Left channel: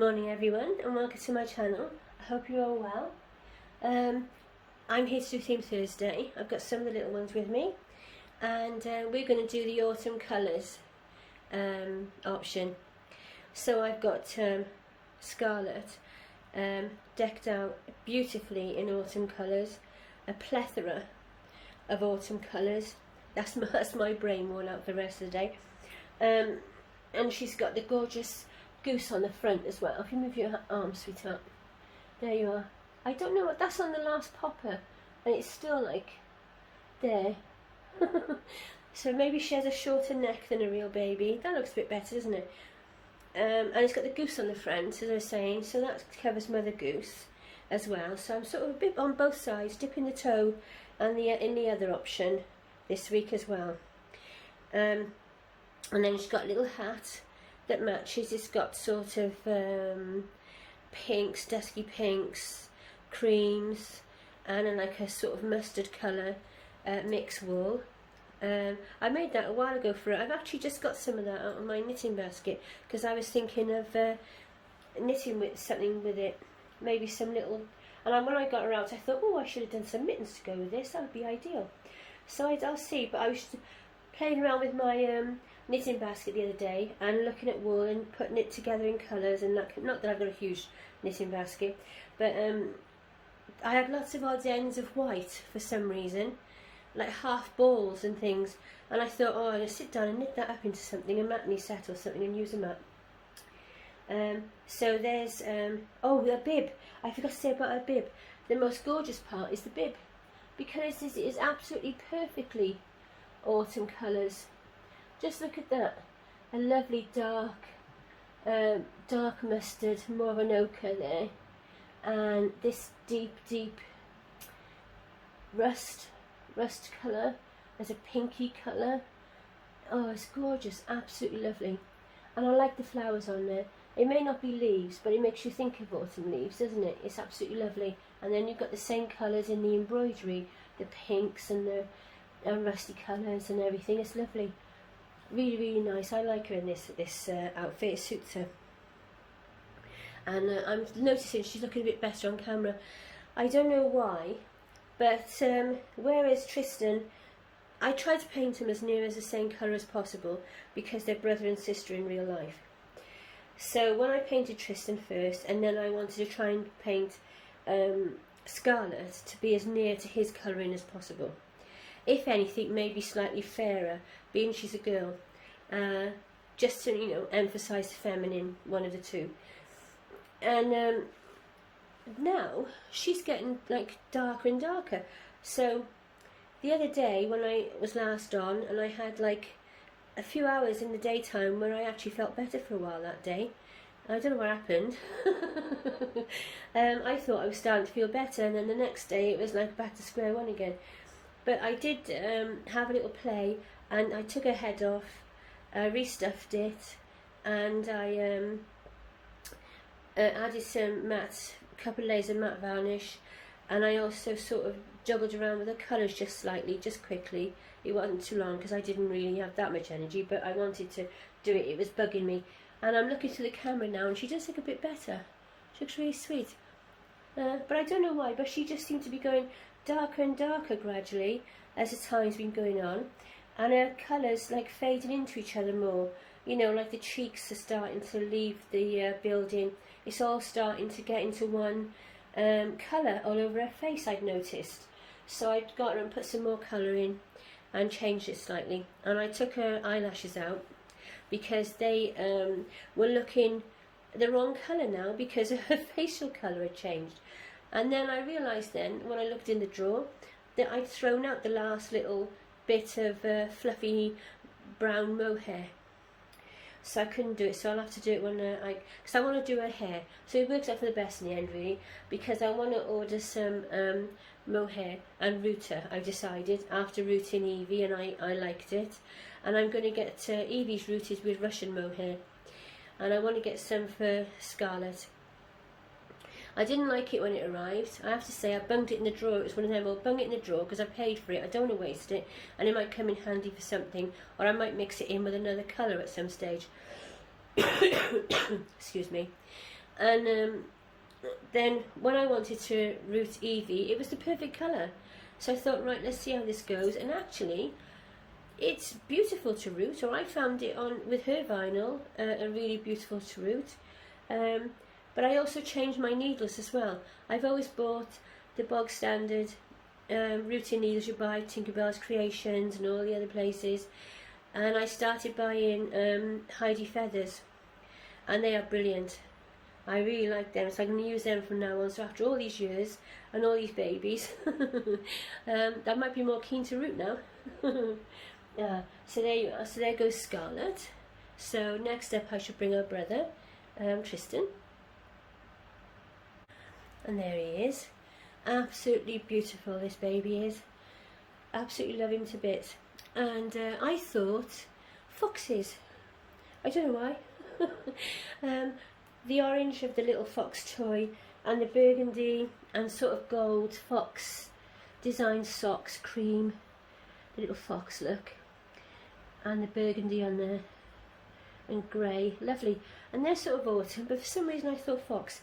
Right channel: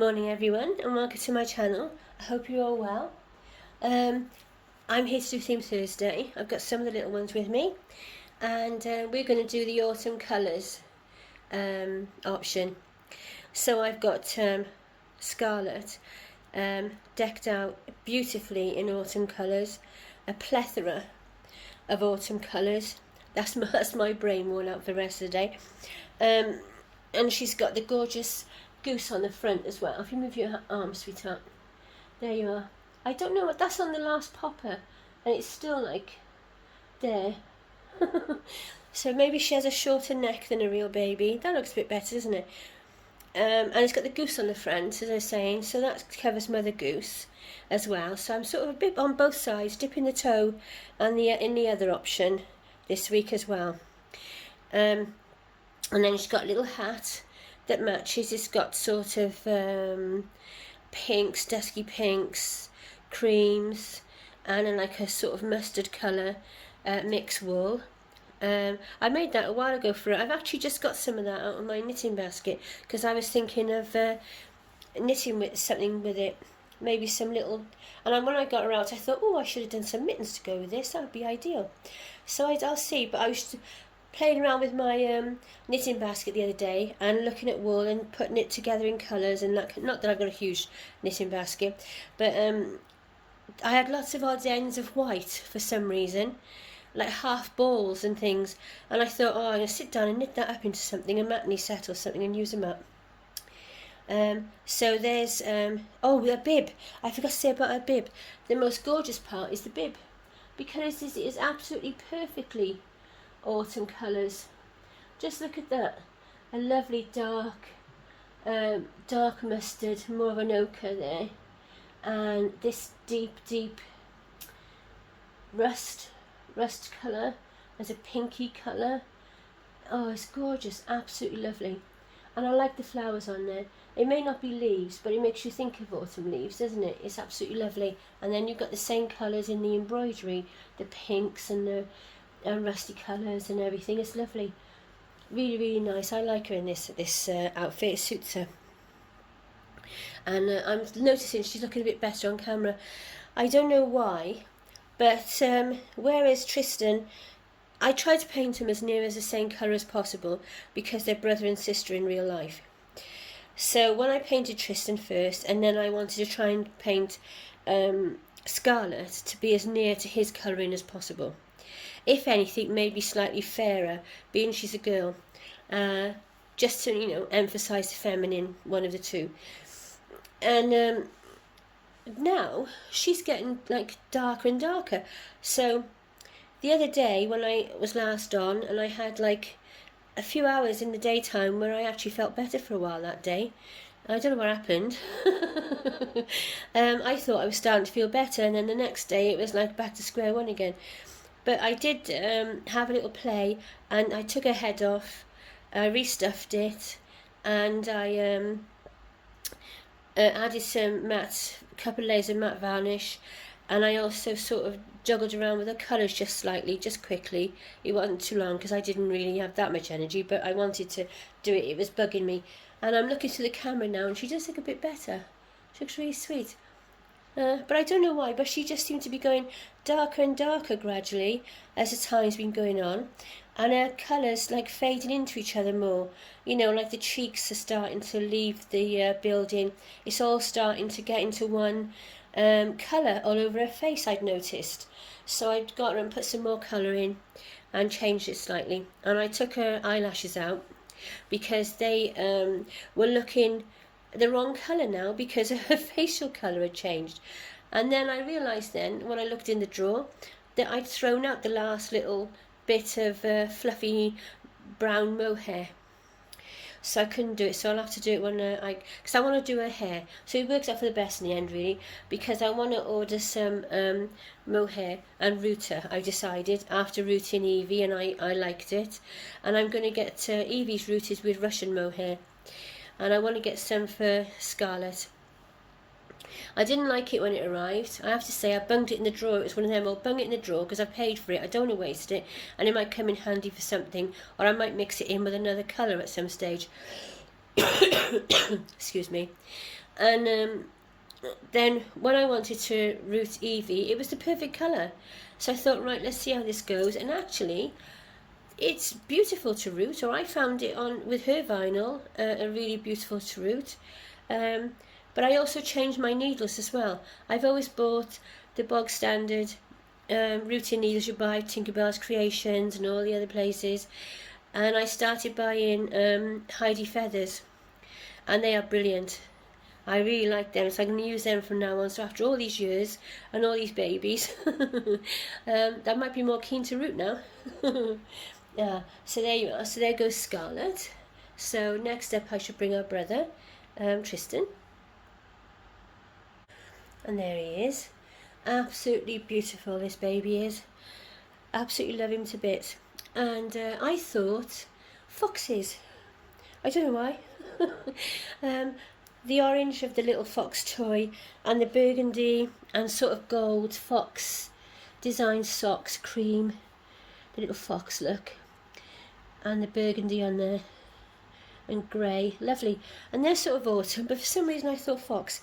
Morning everyone and welcome to my channel. I hope you're all well. I'm here to do Theme Thursday. I've got some of the little ones with me and we're going to do the autumn colours option. So I've got Scarlet decked out beautifully in autumn colours, a plethora of autumn colours. That's my brain worn out for the rest of the day. And she's got the gorgeous goose on the front as well. If you move your arm, sweetheart, there you are. I don't know what that's on the last popper, and it's still like there. So maybe she has a shorter neck than a real baby. That looks a bit better, doesn't it? And it's got the goose on the front, as I was saying, so that covers Mother Goose as well. So I'm sort of a bit on both sides, dipping the toe and in the other option this week as well. And then she's got a little hat that matches. It's got sort of pinks, dusky pinks, creams, and like a sort of mustard colour mix wool. I made that a while ago for it. I've actually just got some of that out of my knitting basket because I was thinking of knitting with something with it, maybe some little. And when I got her out, I thought, oh, I should have done some mittens to go with this. That would be ideal. So I'll see. But I was playing around with my knitting basket the other day and looking at wool and putting it together in colours, and not that I've got a huge knitting basket, but I had lots of odds ends of white for some reason, like half balls and things, and I thought, oh, I'm going to sit down and knit that up into something, a matney set or something, and use them up. So there's oh, a bib. I forgot to say about a bib. The most gorgeous part is the bib, because it is absolutely perfectly autumn colours. Just look at that, a lovely dark mustard, more of an ochre there, and this deep rust colour. There's a pinky colour. Oh, it's gorgeous, absolutely lovely. And I like the flowers on there. It may not be leaves, but it makes you think of autumn leaves, doesn't it? It's absolutely lovely. And then you've got the same colours in the embroidery, the pinks and the rusty colours and everything. It's lovely, really nice. I like her in this outfit. It suits her, and I'm noticing she's looking a bit better on camera. I don't know why, but whereas Tristan, I try to paint them as near as the same colour as possible because they're brother and sister in real life. So when I painted Tristan first, and then I wanted to try and paint Scarlet to be as near to his colouring as possible. If anything, maybe slightly fairer, being she's a girl, just to, you know, emphasise the feminine, one of the two. And now she's getting like darker and darker. So the other day when I was last on, and I had like a few hours in the daytime where I actually felt better for a while that day. I don't know what happened. I thought I was starting to feel better, and then the next day it was like back to square one again. But I did have a little play, and I took her head off, I restuffed it, and I added a couple of layers of matte varnish, and I also sort of juggled around with the colours just slightly, just quickly. It wasn't too long because I didn't really have that much energy, but I wanted to do it. It was bugging me. And I'm looking through the camera now, and she does look a bit better. She looks really sweet. But I don't know why, but she just seemed to be going darker and darker gradually as the time's been going on, and her colours like fading into each other more. You know, like the cheeks are starting to leave the building. It's all starting to get into one colour all over her face, I'd noticed. So I got her and put some more colour in and changed it slightly. And I took her eyelashes out because they were looking the wrong colour now because her facial colour had changed. And then I realised then, when I looked in the drawer, that I'd thrown out the last little bit of fluffy brown mohair. So I couldn't do it, so I'll have to do it when because I want to do her hair. So it works out for the best in the end, really, because I want to order some mohair and root her. I decided after rooting Evie, and I liked it, and I'm going to get Evie's rooted with Russian mohair, and I want to get some for Scarlet. I didn't like it when it arrived. I have to say, I bunged it in the drawer. It was one of them, I'll bung it in the drawer because I paid for it. I don't want to waste it, and it might come in handy for something, or I might mix it in with another colour at some stage. Excuse me. And then when I wanted to root Evie, it was the perfect colour. So I thought, right, let's see how this goes. And actually, it's beautiful to root, or I found it on with her vinyl, a really beautiful to root. But I also changed my needles as well. I've always bought the bog standard rooting needles you buy, Tinkerbell's Creations and all the other places. And I started buying Heidi Feathers, and they are brilliant. I really like them, so I'm going to use them from now on. So after all these years and all these babies, that might be more keen to root now. Yeah, so there you are. So there goes Scarlet. So next up I should bring our brother, Tristan. And there he is. Absolutely beautiful, this baby is. Absolutely love him to bits. And I thought foxes. I don't know why. The orange of the little fox toy and the burgundy and sort of gold fox design socks, cream, the little fox look, and the burgundy on there and grey, lovely. And they're sort of autumn, but for some reason I thought fox.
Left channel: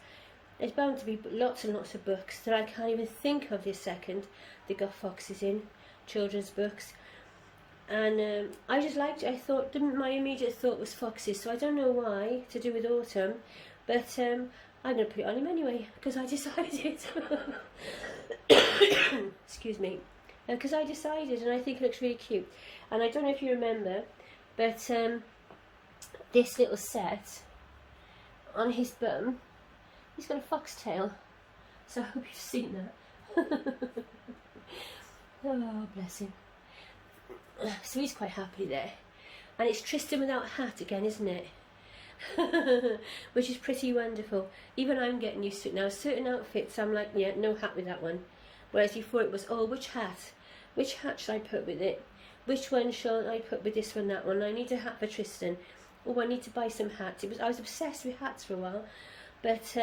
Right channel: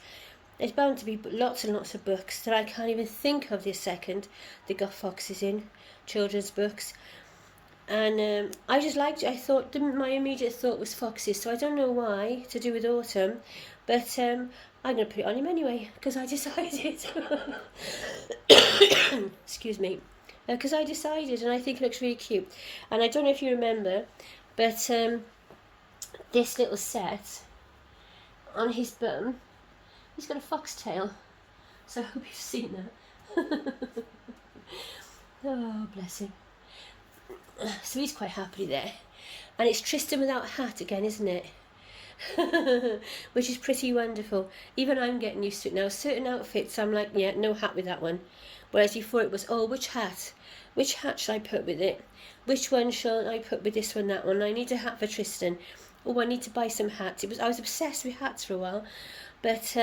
There's bound to be lots and lots of books that I can't even think of this second that got foxes in, children's books. And I just liked it. I thought, my immediate thought was foxes, so I don't know why, to do with autumn, but I'm going to put it on him anyway, because I decided. Excuse me. Because I decided, and I think it looks really cute. And I don't know if you remember, but this little set on his bum, he's got a foxtail, so I hope you've seen that. Oh, bless him. So he's quite happily there. And it's Tristan without a hat again, isn't it? Which is pretty wonderful. Even I'm getting used to it now. Certain outfits I'm like, yeah, no hat with that one. Whereas before it was, oh, which hat? Which hat should I put with it? Which one shall I put with this one, that one? I need a hat for Tristan. Oh, I need to buy some hats. I was obsessed with hats for a while. But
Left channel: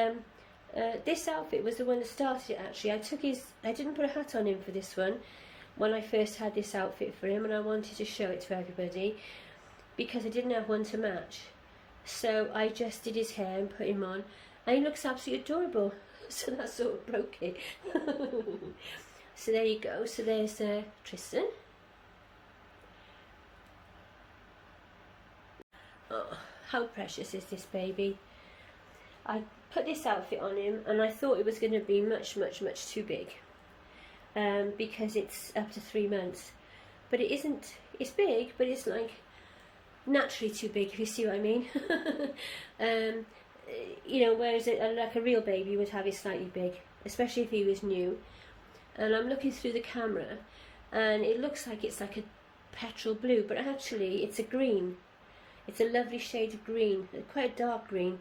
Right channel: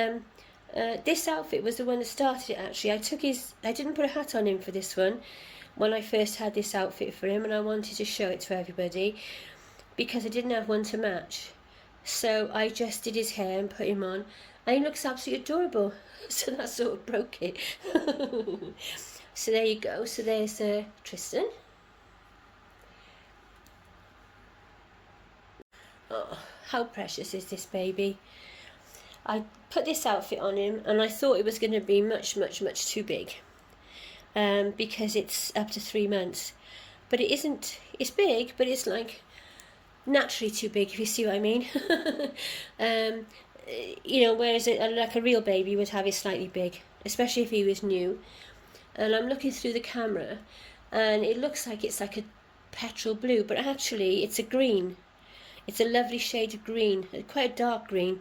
this outfit was the one that started it, actually. I didn't put a hat on him for this one when I first had this outfit for him, and I wanted to show it to everybody because I didn't have one to match. So I just did his hair and put him on, and he looks absolutely adorable. So that sort of broke it. So there you go. So there's Tristan. Oh, how precious is this baby? I put this outfit on him and I thought it was going to be much, much, much too big. Because it's up to 3 months, but it isn't. It's big, but it's like naturally too big, if you see what I mean. You know, whereas like a real baby would have it slightly big, especially if he was new. And I'm looking through the camera and it looks like it's like a petrol blue, but actually it's a green. It's a lovely shade of green, quite a dark green,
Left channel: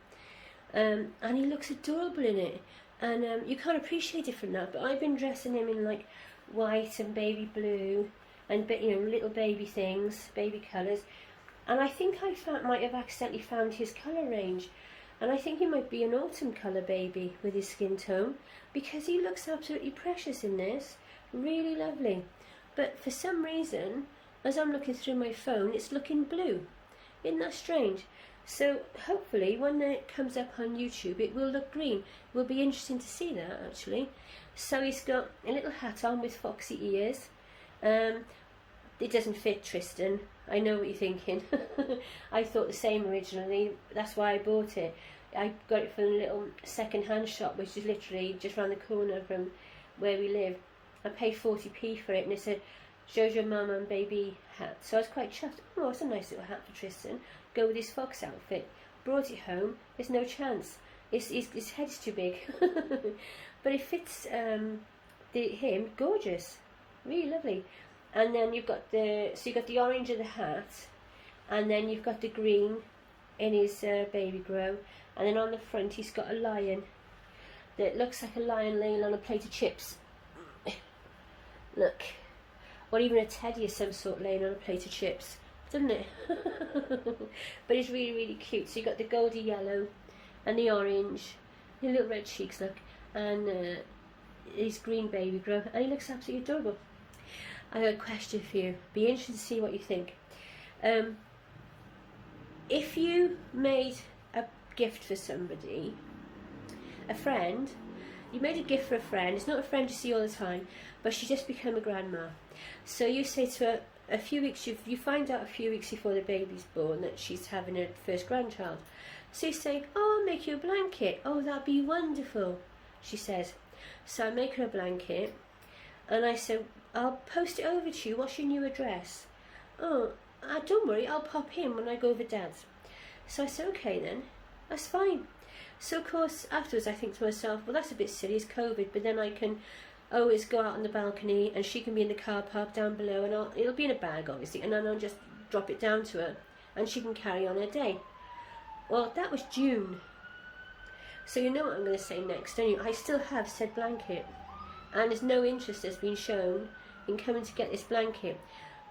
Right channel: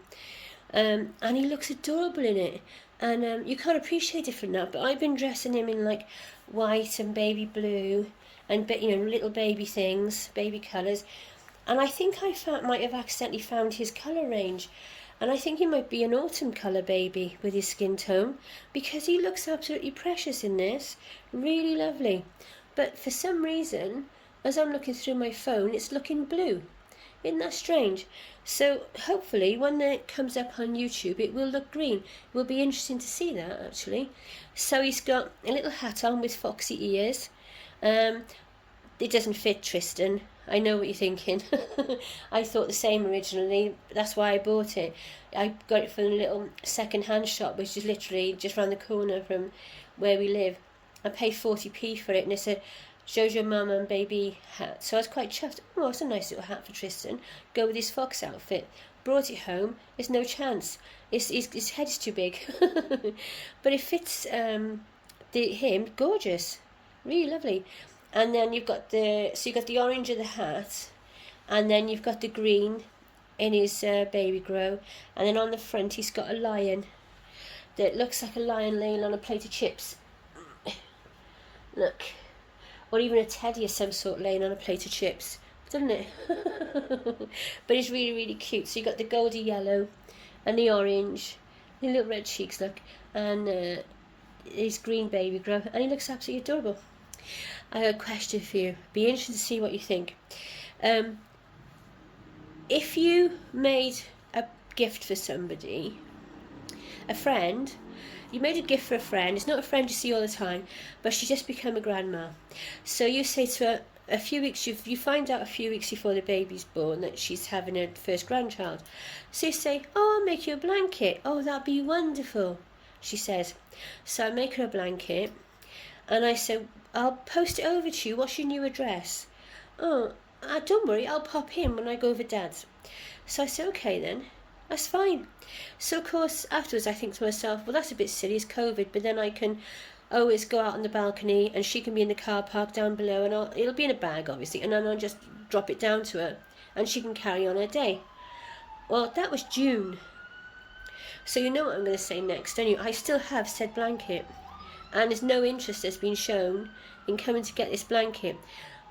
and he looks adorable in it. And you can't appreciate it from that, but I've been dressing him in like white and baby blue and, you know, little baby things, baby colours. And I think might have accidentally found his colour range. And I think he might be an autumn colour baby with his skin tone, because he looks absolutely precious in this. Really lovely. But for some reason, as I'm looking through my phone, it's looking blue. Isn't that strange? So hopefully when it comes up on YouTube it will look green. It will be interesting to see that, actually. So he's got a little hat on with foxy ears. It doesn't fit Tristan. I know what you're thinking. I thought the same originally. That's why I bought it. I got it from a little second-hand shop, which is literally just around the corner from where we live. I paid 40p for it, and it's a Jojo mum and baby hat. So I was quite chuffed. Oh, it's a nice little hat for Tristan. Go with his fox outfit. Brought it home. There's no chance. His head's too big. But it fits him. Gorgeous. Really lovely. And then you've got the orange of the hat, and then you've got the green in his baby grow, and then on the front he's got a lion that looks like a lion laying on a plate of chips. Look. Or even a teddy of some sort laying on a plate of chips, doesn't it? But it's really, really cute. So you've got the goldy yellow and the orange, the little red cheeks, look, and his green baby grow, and he looks absolutely adorable. I have a question for you. Be interested to see what you think. If you made a gift for somebody a friend. You made a gift for a friend. It's not a friend you see all the time, but she's just become a grandma. So you say to her, a few weeks, you find out a few weeks before the baby's born that she's having her first grandchild. So you say, oh, I'll make you a blanket. Oh, that'd be wonderful, she says. So I make her a blanket, and I say, I'll post it over to you. What's your new address? Oh, don't worry, I'll pop in when I go over Dad's. So I say, okay then, that's fine. So of course afterwards I think to myself, well, that's a bit silly, it's COVID, but then I can always go out on the balcony and she can be in the car park down below, and it'll be in a bag obviously, and then I'll just drop it down to her and she can carry on her day. Well, that was June. So you know what I'm going to say next, don't you? I still have said blanket, and there's no interest that's been shown in coming to get this blanket.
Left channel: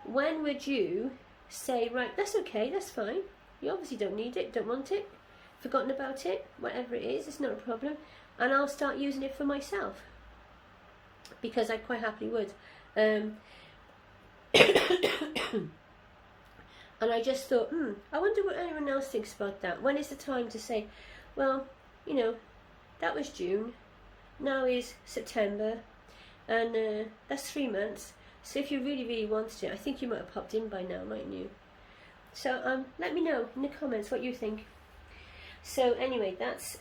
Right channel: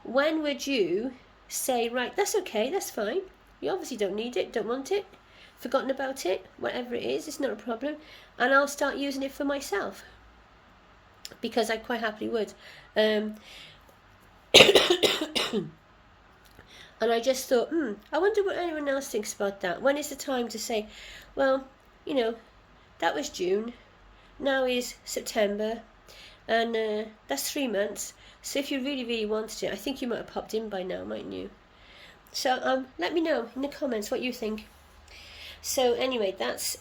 When would you say, right, that's okay, that's fine, you obviously don't need it, don't want it, forgotten about it, whatever it is, it's not a problem, and I'll start using it for myself, because I quite happily would. And I just thought, I wonder what anyone else thinks about that. When is the time to say, well, you know, that was June, now is September, and that's 3 months. So if you really, really wanted it, I think you might have popped in by now, mightn't you? So let me know in the comments what you think. So anyway, that's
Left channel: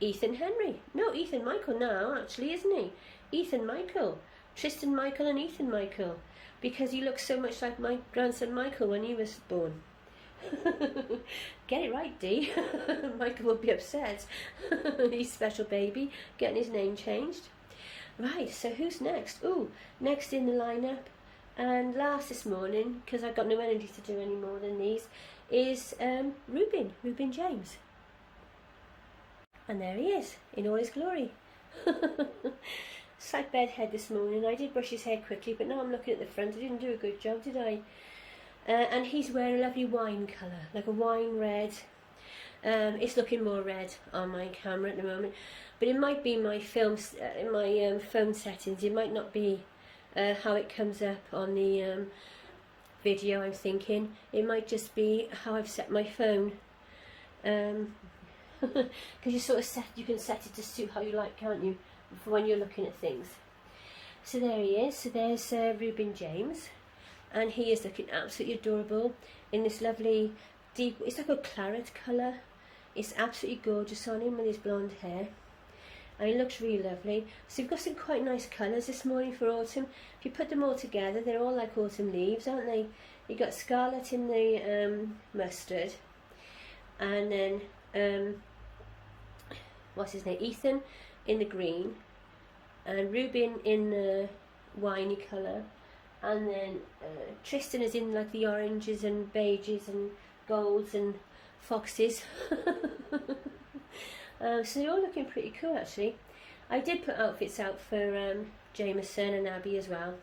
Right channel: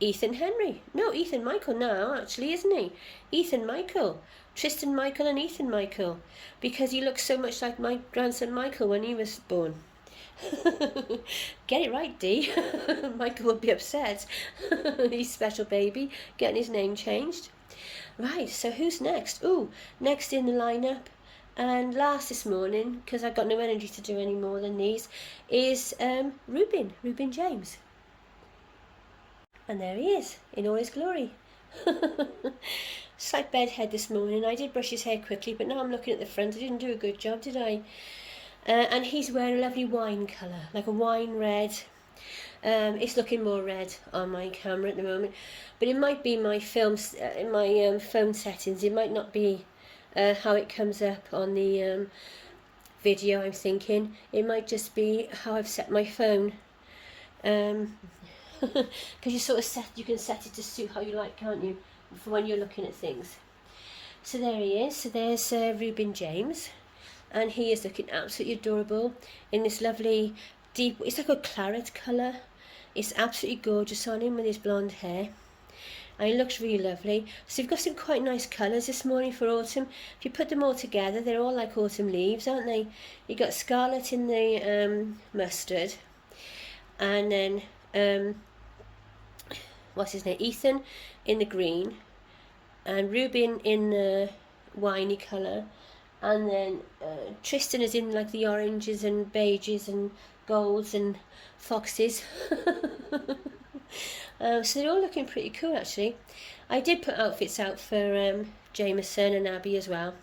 Ethan Henry. No, Ethan Michael now, actually, isn't he? Ethan Michael. Tristan Michael and Ethan Michael. Because he looks so much like my grandson Michael when he was born. Get it right, Dee. Michael will be upset. He's special baby, getting his name changed. Right, so who's next? Ooh, next in the lineup, and last this morning, because I've got no energy to do any more than these, is Reuben James. And there he is, in all his glory. Slight bedhead this morning. I did brush his hair quickly, but now I'm looking at the front. I didn't do a good job, did I? And he's wearing a lovely wine colour, like a wine red. It's looking more red on my camera at the moment, but it might be my phone settings. It might not be how it comes up on the video. I'm thinking it might just be how I've set my phone, because you can set it to suit how you like, can't you, for when you're looking at things. So there he is. So there's Reuben James, and he is looking absolutely adorable in this lovely deep, it's like a claret colour. It's absolutely gorgeous on him with his blonde hair, and he looks really lovely. So you've got some quite nice colours this morning for autumn. If you put them all together, they're all like autumn leaves, aren't they? You got scarlet in the mustard, and then what's his name, Ethan in the green, and Reuben in the winey colour, and then Tristan is in like the oranges and beiges and golds and foxes. So they're all looking pretty cool actually. I did put outfits out for Jameson and Abby as well,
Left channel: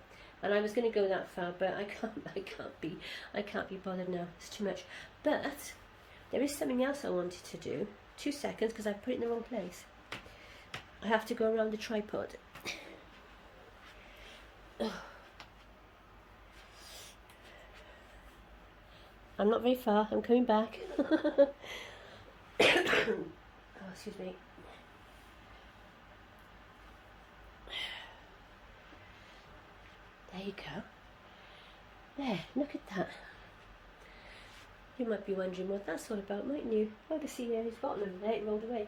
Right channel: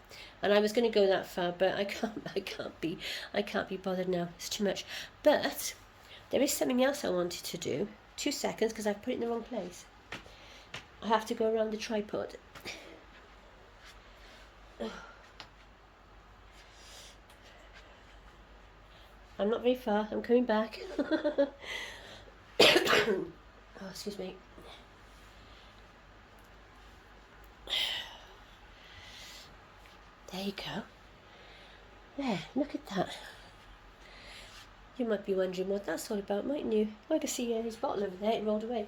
and I was going to go that far, but I can't be bothered now. It's too much. But there is something else I wanted to do. 2 seconds, because I've put it in the wrong place. I have to go around the tripod. I'm not very far, I'm coming back. Oh, excuse me. There you go. There, look at that. You might be wondering what that's all about, mightn't you? I can see his bottle over there, it rolled away.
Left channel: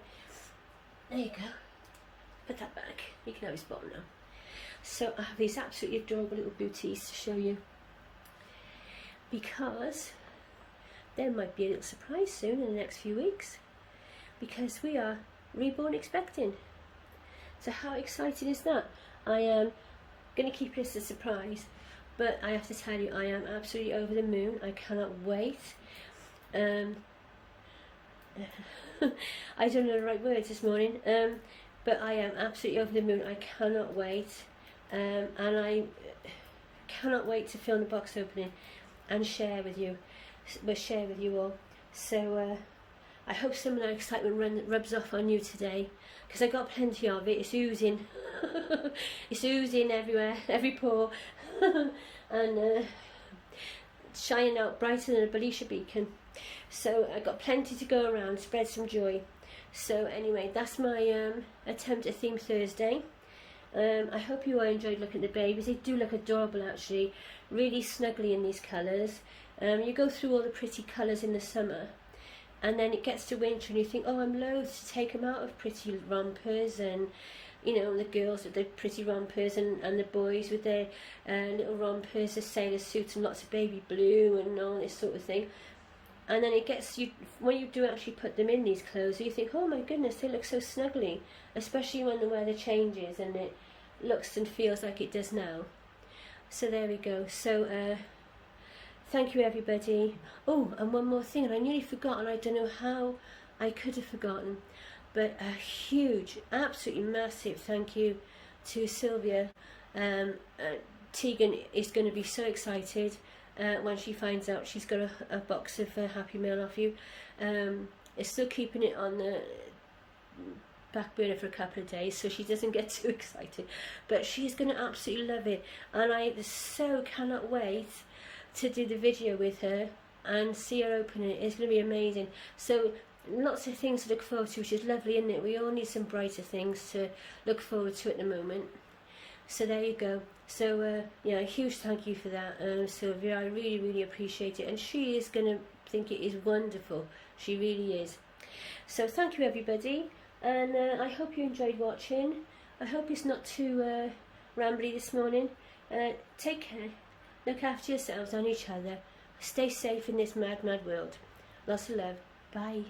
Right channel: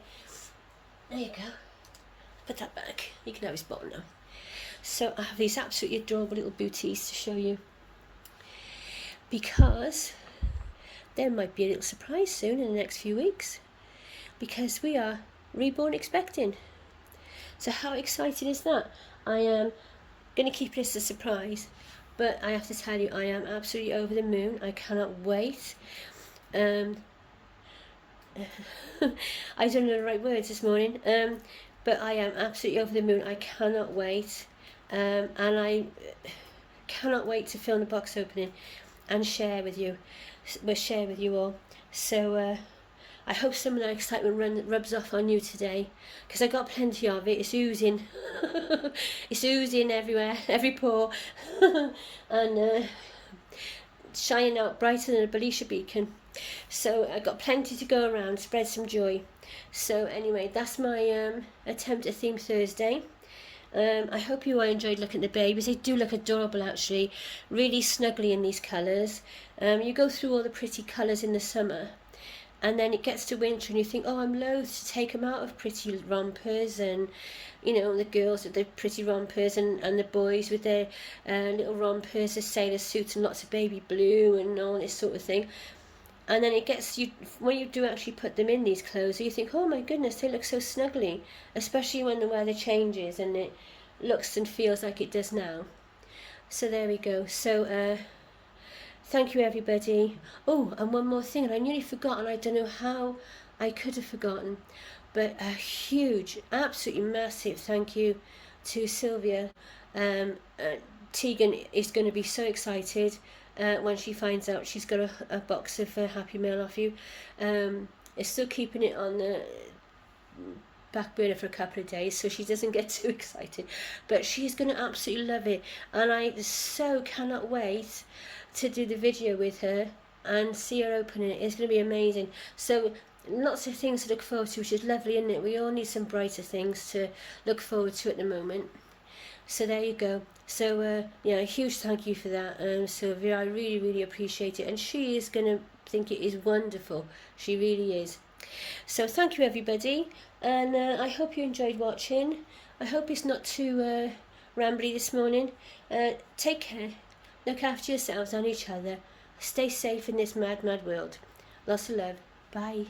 There you go. Put that back. You can have his bottle now. So I have these absolutely adorable little booties to show you, because there might be a little surprise soon in the next few weeks, because we are reborn expecting. So how exciting is that? I am going to keep it as a surprise, but I have to tell you, I am absolutely over the moon. I cannot wait. I don't know the right words this morning, but I am absolutely over the moon. I cannot wait, and I cannot wait to film the box opening and share with you all. So I hope some of that excitement rubs off on you today, because I got plenty of it. It's oozing. It's oozing everywhere, every pore, and shining out brighter than a Belisha beacon. So I got plenty to go around, spread some joy. So anyway, that's my attempt at Theme Thursday. I hope you all enjoyed looking at the babies. They do look adorable actually, really snuggly in these colours. You go through all the pretty colours in the summer, and then it gets to winter and you think, oh, I'm loath to take them out of pretty rompers, and you know, the girls with their pretty rompers, and the boys with their little rompers, the sailor suits and lots of baby blue and all this sort of thing. And then it gets you, when you do actually put them in these clothes, you think, oh my goodness, they look so snuggly, especially when the weather changes and it looks and feels like it does now. So there we go. So thank you everybody. Oh, and one more thing, and I nearly forgot, and I don't know how I could have forgotten, but a huge, absolutely massive thank you to Sylvia. Teagan is going to be so excited when she finds out she's got a box of Happy Meal off you. It's still keeping it on the back burner for a couple of days so she doesn't get too excited, but she's going to absolutely love it, and I so cannot wait to do the video with her and see her open it. It's going to be amazing. So lots of things to look forward to, which is lovely, isn't it? We all need some brighter things to look forward to at the moment. So there you go. So yeah, a huge thank you for that, Sylvia. I really, really appreciate it, and she is going to think it is wonderful. She really is. So thank you everybody, and I hope you enjoyed watching. I hope it's not too rambly this morning. Take care. Look after yourselves and each other. Stay safe in this mad, mad world. Lots of love. Bye.